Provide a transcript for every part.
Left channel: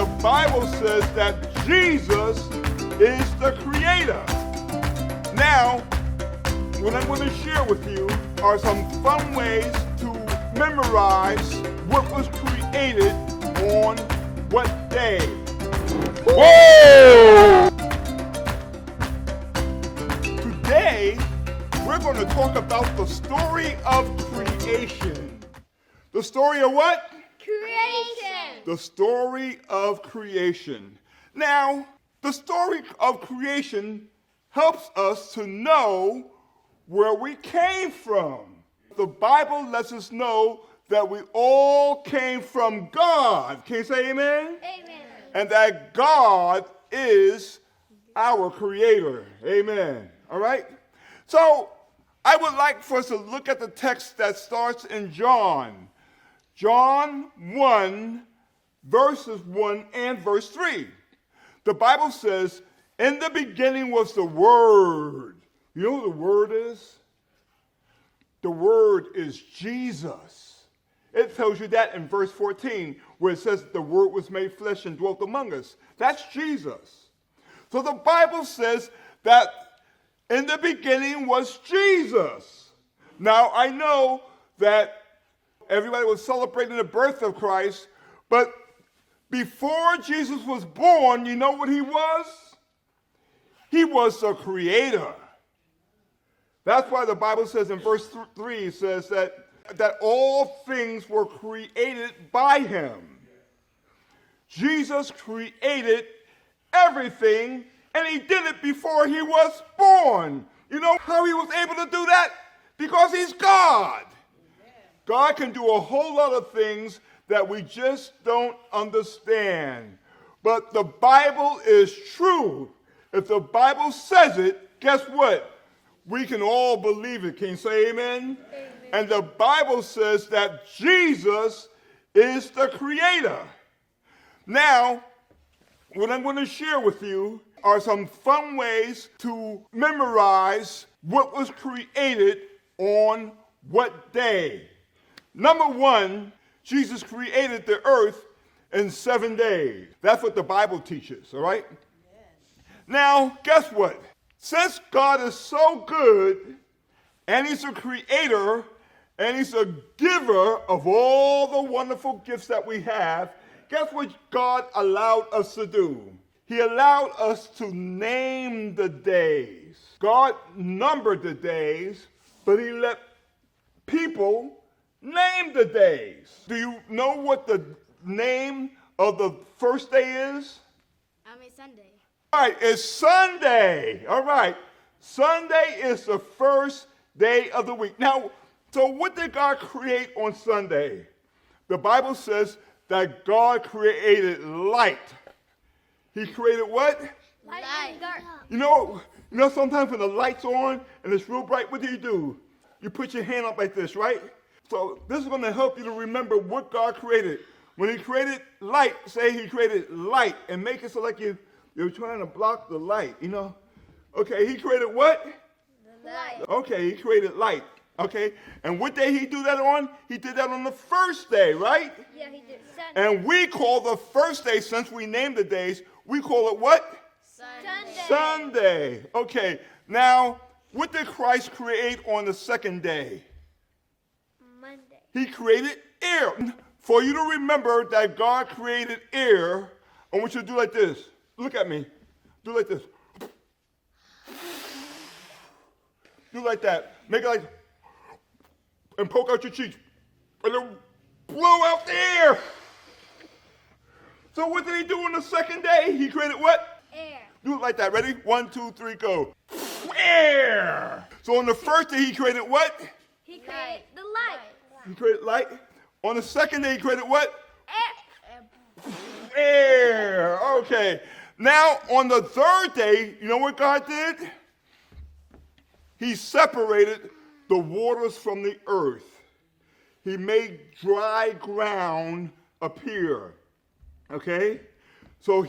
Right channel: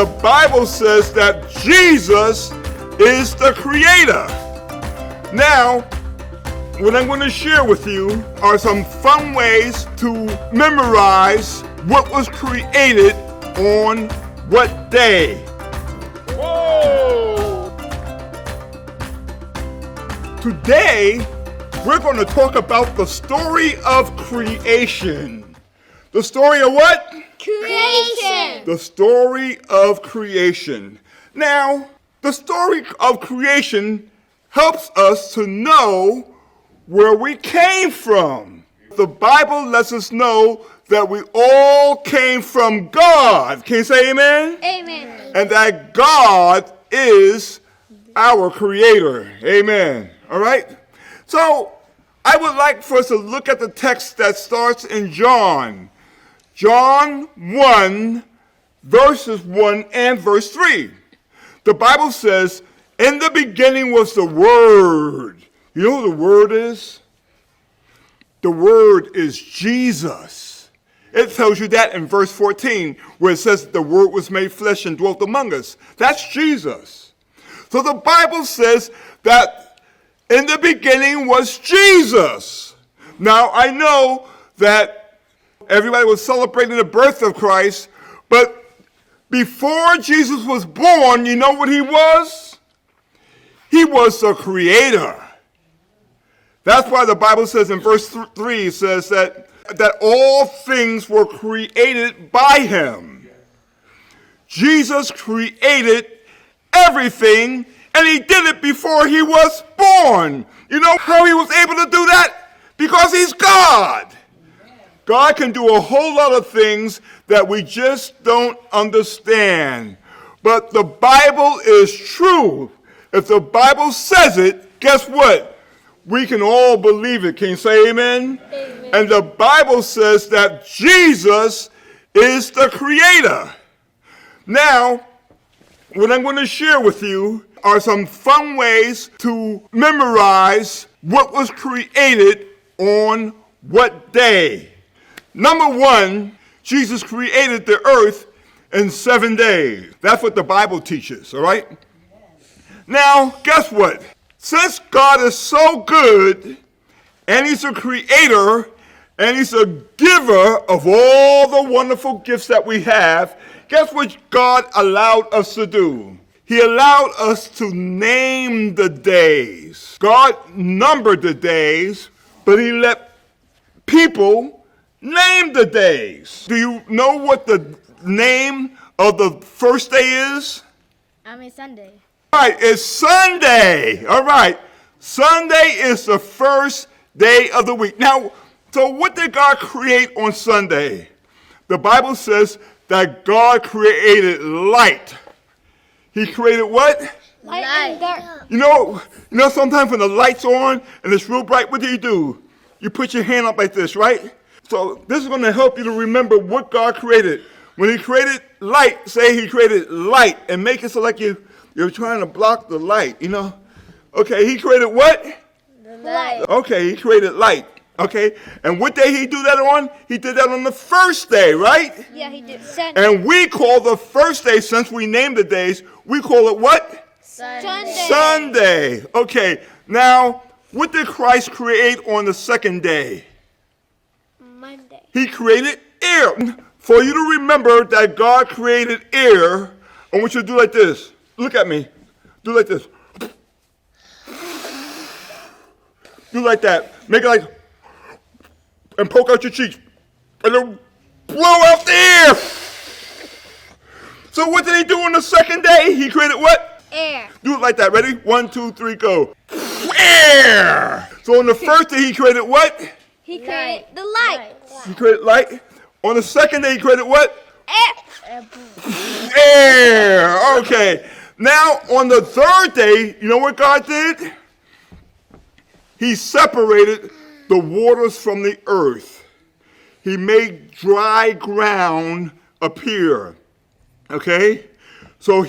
the Bible says that Jesus is the creator. Now, what I'm going to share with you are some fun ways to memorize what was created on what day. Whoa! Today, we're going to talk about the story of creation. The story of what? Creation. The story of creation. Now, the story of creation helps us to know where we came from. The Bible lets us know that we all came from God. Can you say amen? Amen. And that God is our creator. Amen. All right? So, I would like for us to look at the text that starts in John 1, verses 1 and verse 3. The Bible says, in the beginning was the Word. You know who the Word is? The Word is Jesus. It tells you that in verse 14, where it says the Word was made flesh and dwelt among us. That's Jesus. So the Bible says that in the beginning was Jesus. Now, I know that everybody was celebrating the birth of Christ, but before Jesus was born, you know what he was? He was the creator. That's why the Bible says in verse 3, it says that all things were created by him. Jesus created everything, and he did it before he was born. You know how he was able to do that? Because he's God. God can do a whole lot of things that we just don't understand. But the Bible is true. If the Bible says it, guess what? We can all believe it. Can you say amen? Amen. And the Bible says that Jesus is the creator. Now, what I'm going to share with you are some fun ways to memorize what was created on what day. Number 1, Jesus created the earth in 7 days. That's what the Bible teaches, all right? Now, guess what? Since God is so good, and he's a creator, and he's a giver of all the wonderful gifts that we have, guess what God allowed us to do? He allowed us to name the days. God numbered the days, but he let people name the days. Do you know what the name of the first day is? Sunday. All right, it's Sunday. All right. Sunday is the first day of the week. Now, so what did God create on Sunday? The Bible says that God created light. He created what? Light and dark. You know, sometimes when the light's on and it's real bright, what do? You put your hand up like this, right? So this is going to help you to remember what God created. When he created light, say he created light and make it so like you're trying to block the light, you know? Okay, he created what? The light. Okay, he created light. Okay, and what day he do that on? He did that on the first day, right? Yeah, he did. Sunday. And we call the first day, since we named the days, we call it what? Sunday. Sunday. Okay, now, what did Christ create on the second day? Monday. He created air. For you to remember that God created air, I want you to do like this. Look at me. Do like this. Do like that. Make it like, and poke out your cheeks. And then blow out the air. So what did he do on the second day? He created what? Air. Do it like that. Ready? 1, 2, 3, go. Air. So on the first day he created what? He created the light. He created light. On the second day he created what? Air. Air. Okay. Now on the third day, you know what God did? He separated the waters from the earth. He made dry ground appear. Okay? So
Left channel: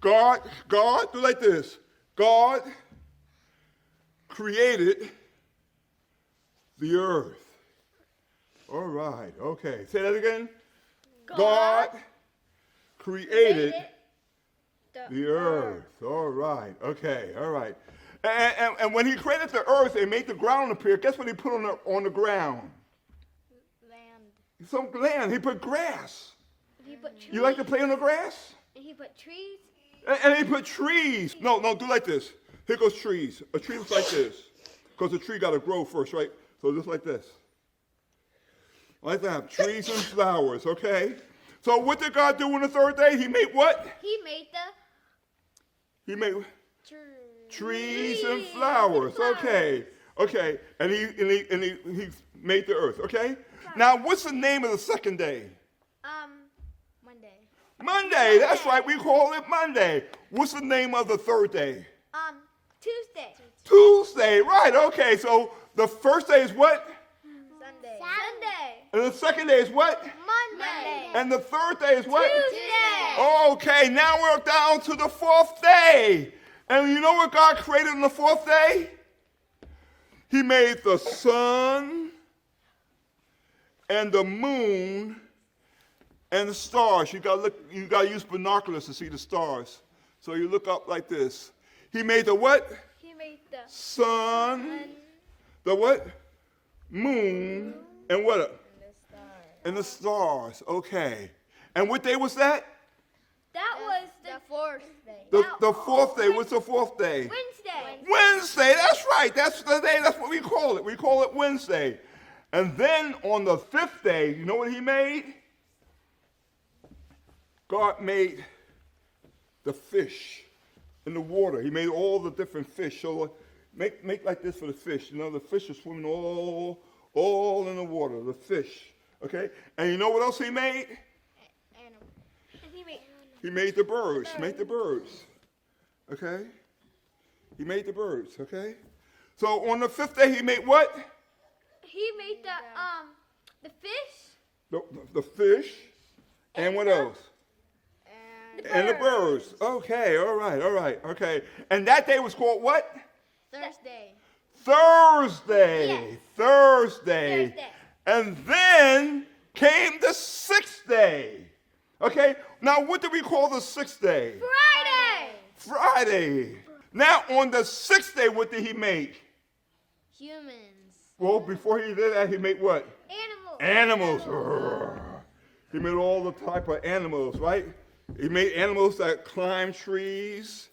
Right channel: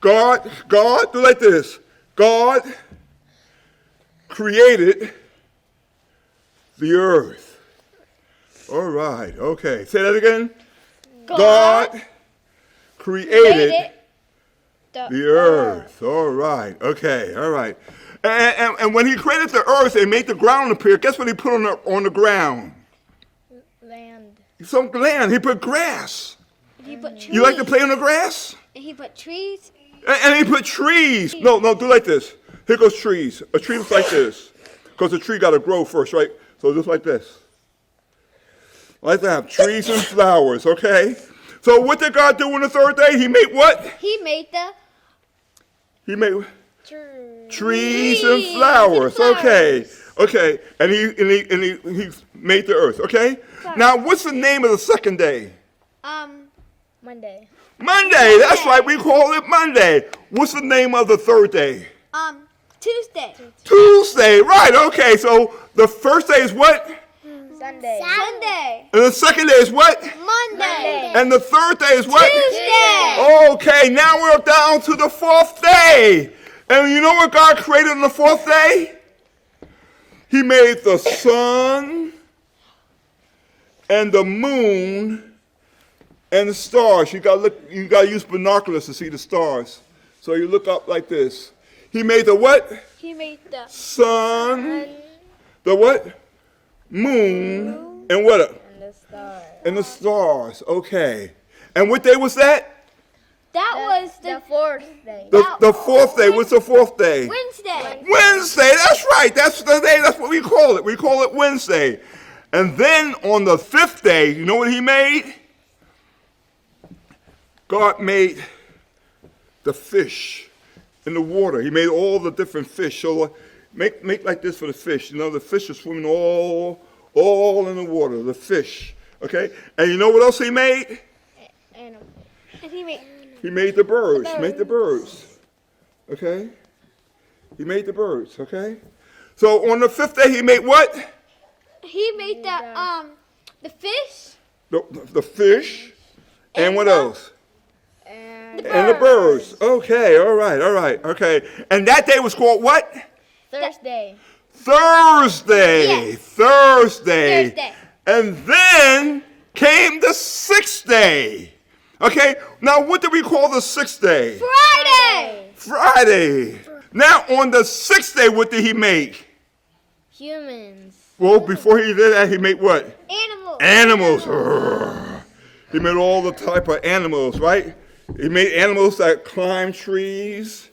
God, do like this. God created the earth. All right, okay. Say that again. God created the the earth. All right. Okay. All right. And when he created the earth and made the ground appear, guess what he put on the ground? Land. Some land. He put grass. He put trees. You like to play on the grass? And he put trees. And he put trees. No, do like this. Here goes trees. A tree looks like this. Because the tree got to grow first, right? So just like this. Like that. Trees and flowers, okay? So what did God do on the third day? He made what? He made the He made trees and and flowers. flowers. Okay. And he made the earth, okay? Now, what's the name of the second day? Monday. Monday. That's right. We call it Monday. What's the name of the third day? Tuesday. Tuesday. Right. Okay. So the first day is what? Sunday. And the second day is what? Monday. And the third day is what? Tuesday. Okay. Now we're down to the fourth day. And you know what God created on the fourth day? He made the sun and the moon and the stars. You gotta use binoculars to see the stars. So you look up like this. He made the what? He made the Sun, the what? Moon, and what? And the stars. Okay. And what day was that? That was the fourth day. The fourth day. What's the fourth day? Wednesday. Wednesday. That's right. That's the day. That's what we call it. We call it Wednesday. And then on the fifth day, you know what he made? God made the fish in the water. He made all the different fish. So make like this for the fish. You know, the fish are swimming all in the water, the fish. Okay? And you know what else he made? Animal. And he made the birds. Make the birds. Okay? He made the birds. Okay? So on the fifth day, he made what? He made the fish. The fish. And what else? And the birds. Okay, all right, okay. And that day was called what? Thursday. Thursday. Yes. Thursday. And then came the sixth day. Okay, now what do we call the sixth day? Friday. Now on the sixth day, what did he make? Humans. Well, before he did that, he made what? Animals. Animals. He made all the type of animals, right? He made animals that climb trees.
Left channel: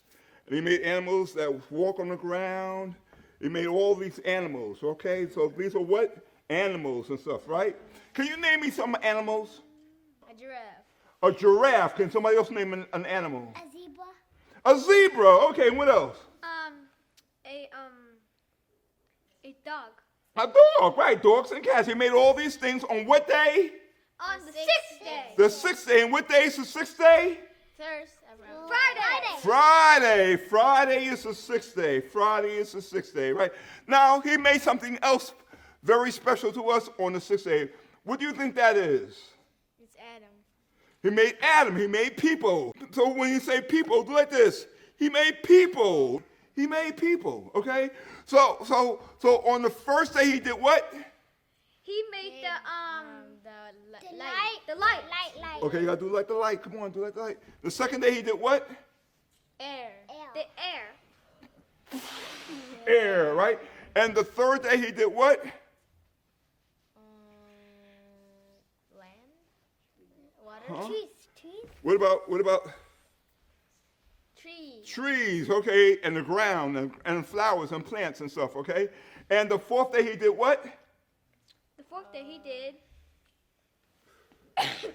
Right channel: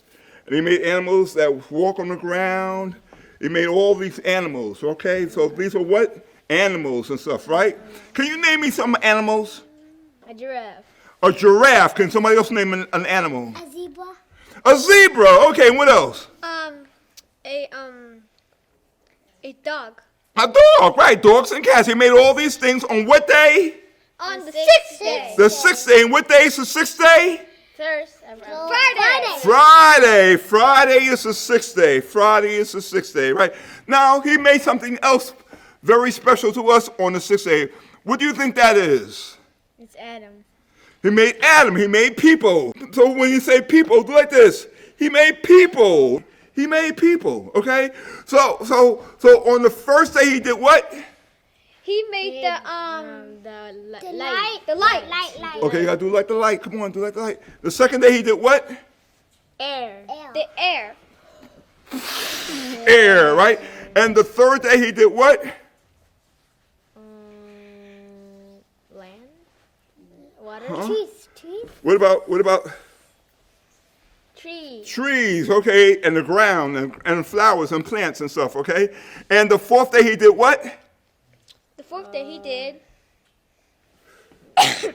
And he made animals that walk on the ground. He made all these animals, okay? So these are what? Animals and stuff, right? Can you name me some animals? A giraffe. A giraffe. Can somebody else name an animal? A zebra. A zebra. Okay, what else? A dog. A dog, right? Dogs and cats. He made all these things on what day? On the sixth day. The sixth day. And what day is the sixth day? Friday. Friday is the sixth day. Friday is the sixth day, right? Now, he made something else very special to us on the sixth day. What do you think that is? It's Adam. He made Adam. He made people. So when you say people, do like this. He made people. He made people, okay? So on the first day, he did what? He made the light. The light. Okay, you gotta do like the light. Come on, do like the light. The second day, he did what? Air. The air. Air, right? And the third day, he did what? Land. Water. Huh? Trees. What about trees, okay, and the ground and flowers and plants and stuff, okay? And the fourth day, he did what? The fourth day, he did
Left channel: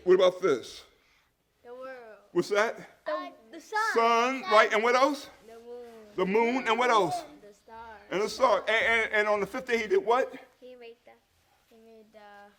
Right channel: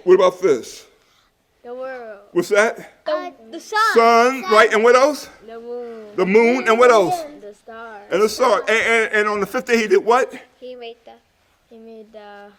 What about this? the world. What's that? The sun. Sun, right? And what else? The moon. The moon, and what else? The stars. And the star. And on the fifth day, he did what? He made the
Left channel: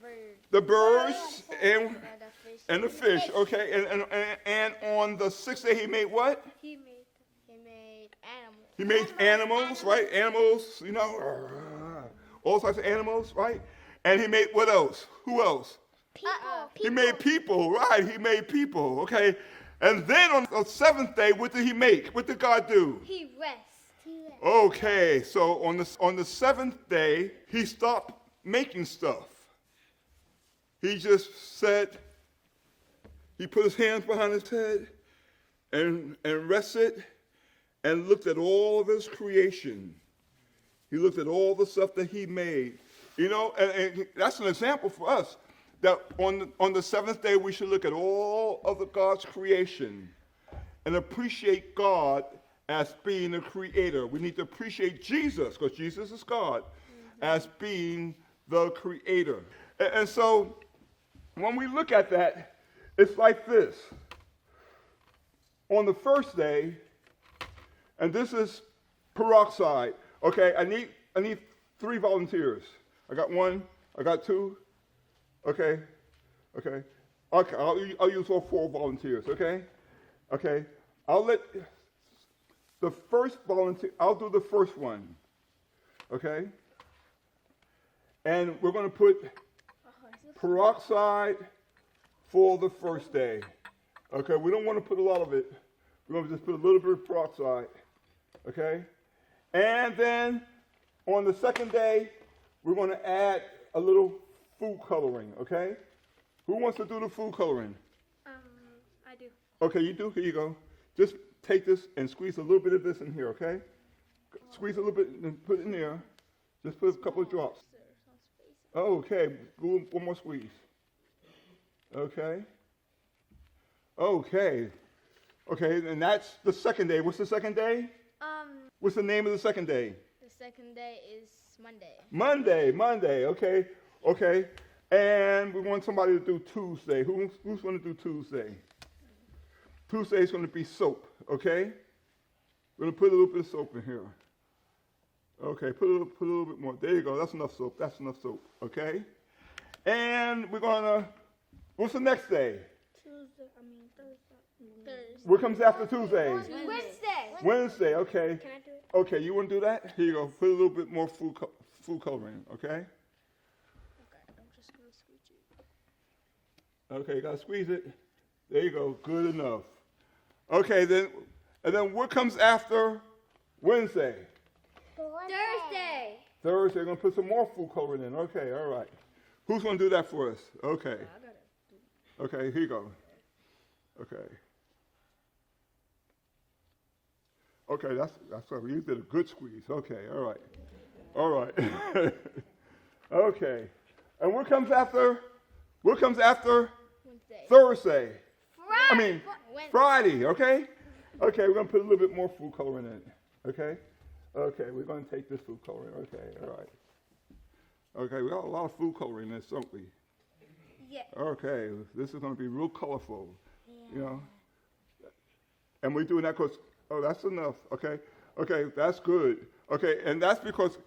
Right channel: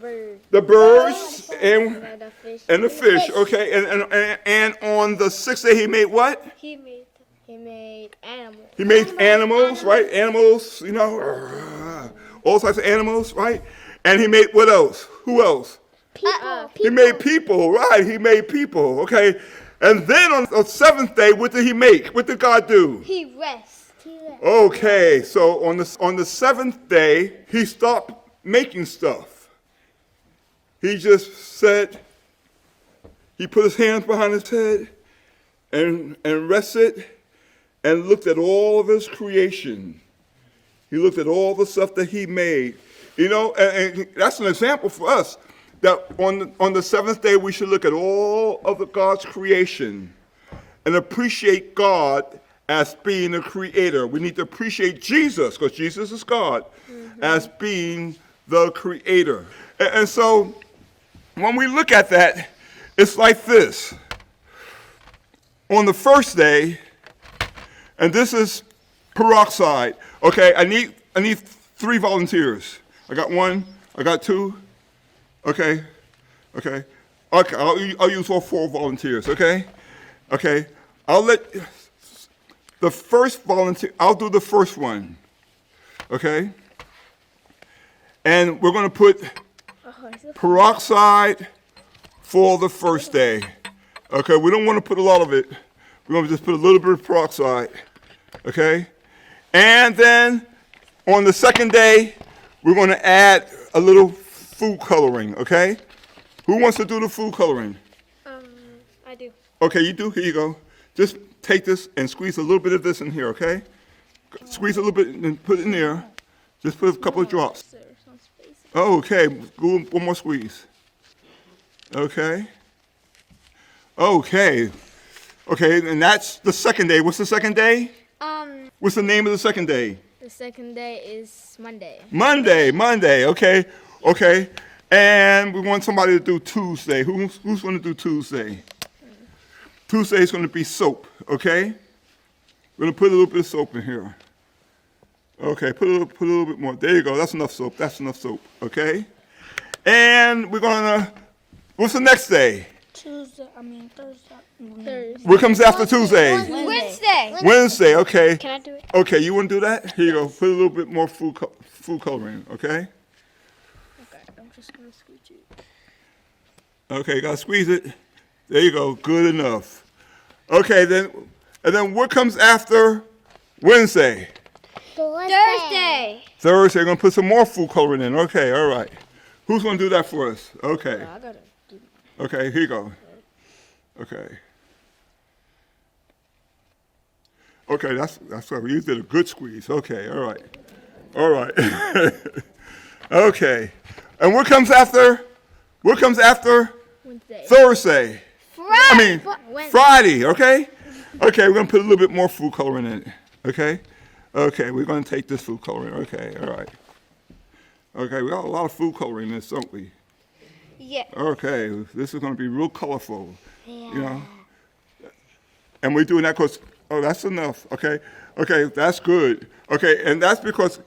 bird. The birds and The fish. the fish, okay? And on the sixth day, he made what? He made animals. He made animals, right? Animals, you know, all types of animals, right? And he made what else? Who else? People. He made people, right? He made people, okay? And then on the seventh day, what did he make? What did God do? He rests. Okay, so on the seventh day, he stopped making stuff. He just said, he put his hands behind his head and rested and looked at all of his creation. He looked at all the stuff that he made. You know, and that's an example for us, that on the seventh day we should look at all of God's creation and appreciate God as being the creator. We need to appreciate Jesus, because Jesus is God, as being the creator. And so when we look at that, it's like this. On the first day, and this is peroxide. Okay, I need 3 volunteers. I got 1, I got 2. Okay. I'll use all 4 volunteers, okay? Okay. I'll let the first volunteer, I'll do the first one. Okay? And we're going to put peroxide for the first day. Okay, we don't want to put a lot of it. We're going to just put a little bit of peroxide. Okay? And then on the second day, we're going to add a little food coloring. Okay? Who wants to do the food coloring? I do. Okay, you do? Here you go. Just take this and squeeze a little bit of this in here, okay? Squeeze a little bit and put it in there. Just put a couple of drops. Okay, one more squeeze. Okay. Okay, and that's the second day. What's the second day? What's the name of the second day? The second day is Monday. Monday, okay. And we want somebody to do Tuesday. Who's going to do Tuesday? Tuesday is going to be soap, okay? We're going to put a little bit of soap in here. Okay, put a little bit more. There you go. That's enough soap, okay? And we're going to, what's the next day? Thursday. What comes after Tuesday? Wednesday, okay. Can I do it? Okay, you want to do that? Here you go. Put a little bit more food coloring, okay? Okay, I'm just going to squeeze it. Okay, you got to squeeze it. There you go. Good enough. Okay, and then what comes after Wednesday? Thursday. Thursday, we're going to put some more food coloring in. Okay, all right. Who's going to do that for us? Okay. I got it. Okay, here you go. Okay. Okay, that's right. You did a good squeeze. Okay, all right. Okay. And what comes after? Wednesday. Thursday. Wednesday. Friday, okay? Okay, we're going to put a little bit more food coloring in it, okay? Okay, we're going to take this food coloring. Okay, all right. Okay, we got a lot of food coloring in this, don't we? Yeah. Okay, this is going to be real colorful, you know? And we're doing that because, that's enough, okay? Okay, that's good. Okay, and that's because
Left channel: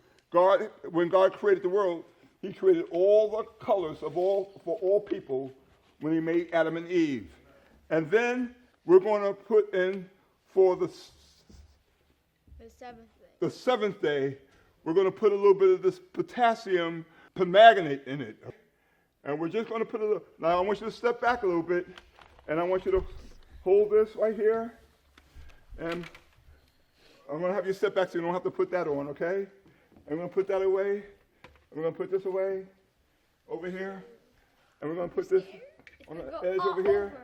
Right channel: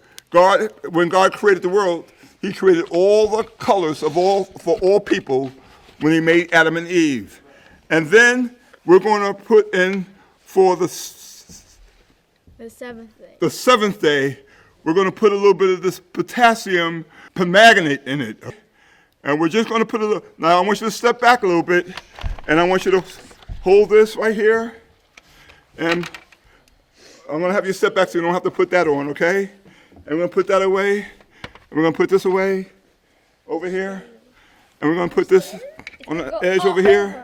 when God created the world, he created all the colors for all people when he made Adam and Eve. And then we're going to put in for the seventh day. The seventh day, we're going to put a little bit of this potassium permanganate in it. And we're just going to put a little, now I want you to step back a little bit, and I want you to hold this right here. And I'm going to have you step back so you don't have to put that on, okay? And we're going to put that away. And we're going to put this away over here. And we're going to put this on the edge over here.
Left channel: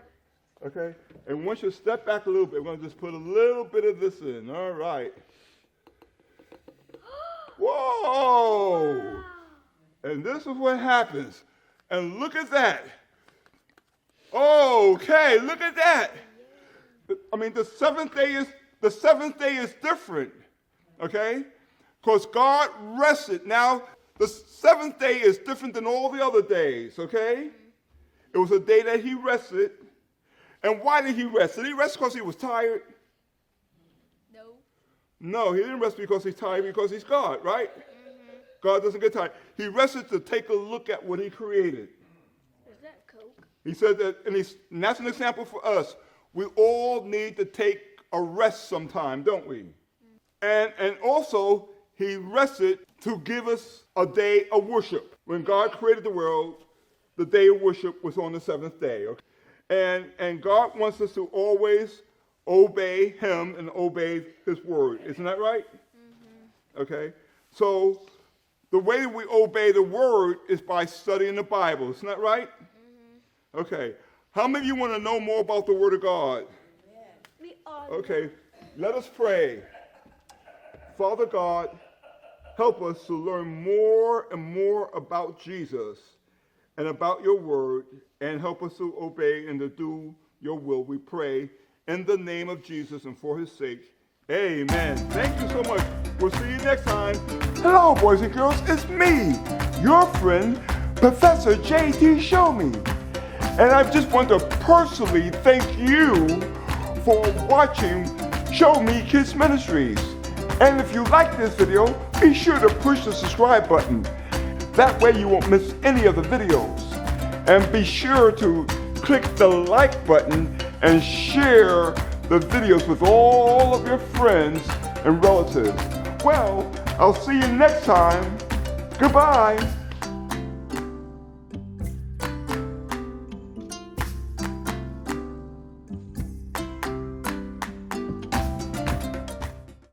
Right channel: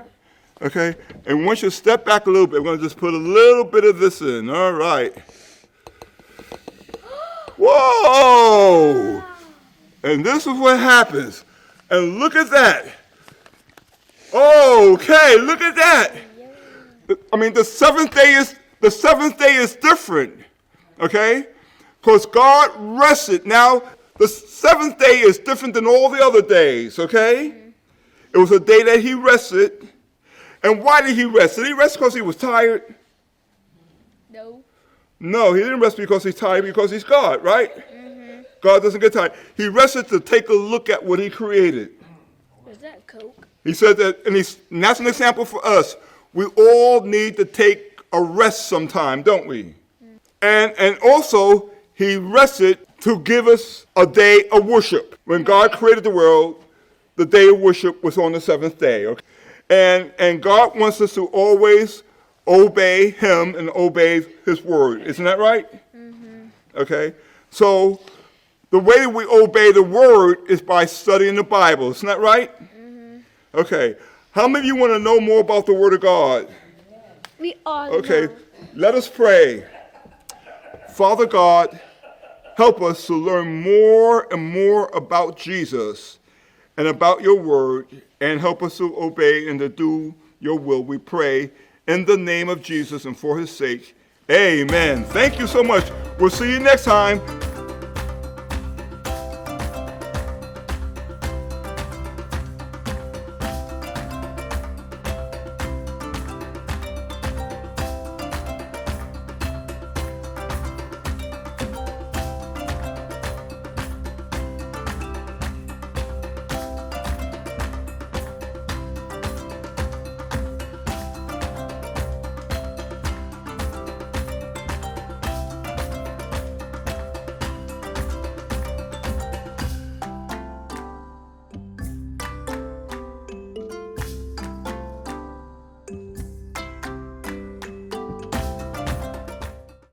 Okay? And once you step back a little bit, we're going to just put a little bit of this in. All right. Whoa! And this is what happens. And look at that. Okay, look at that. I mean, the seventh day is different. Okay? Because God rested. Now, the seventh day is different than all the other days, okay? It was a day that he rested. And why did he rest? Did he rest because he was tired? No, he didn't rest because he's tired, because he's God, right? Mm-hmm. God doesn't get tired. He rested to take a look at what he created. Is that Coke? He said that, and that's an example for us. We all need to take a rest sometime, don't we? Mm. And also, he rested to give us a day of worship. When God created the world, the day of worship was on the seventh day. Okay? And God wants us to always obey him and obey his word. Isn't that right? Mm-hmm. Okay. So the way we obey the word is by studying the Bible. Isn't that right? Mm-hmm. Okay. How many of you want to know more about the Word of God? We all Okay, know. let us pray. Father God, help us to learn more and more about Jesus and about your word, and help us to obey and to do your will. We pray in the name of Jesus and for his sake. Amen. Thank you so much. We'll see you next time. Hello, boys and girls. It's me, your friend, Professor J.T. Show Me. And I just want to personally thank you for watching Show Me Kids Ministries. And if you like this video, be sure to push the subscribe button. That way you won't miss any of the videos. And be sure to click the like button and share the videos with all of your friends and relatives. Well, I'll see you next time. Goodbye.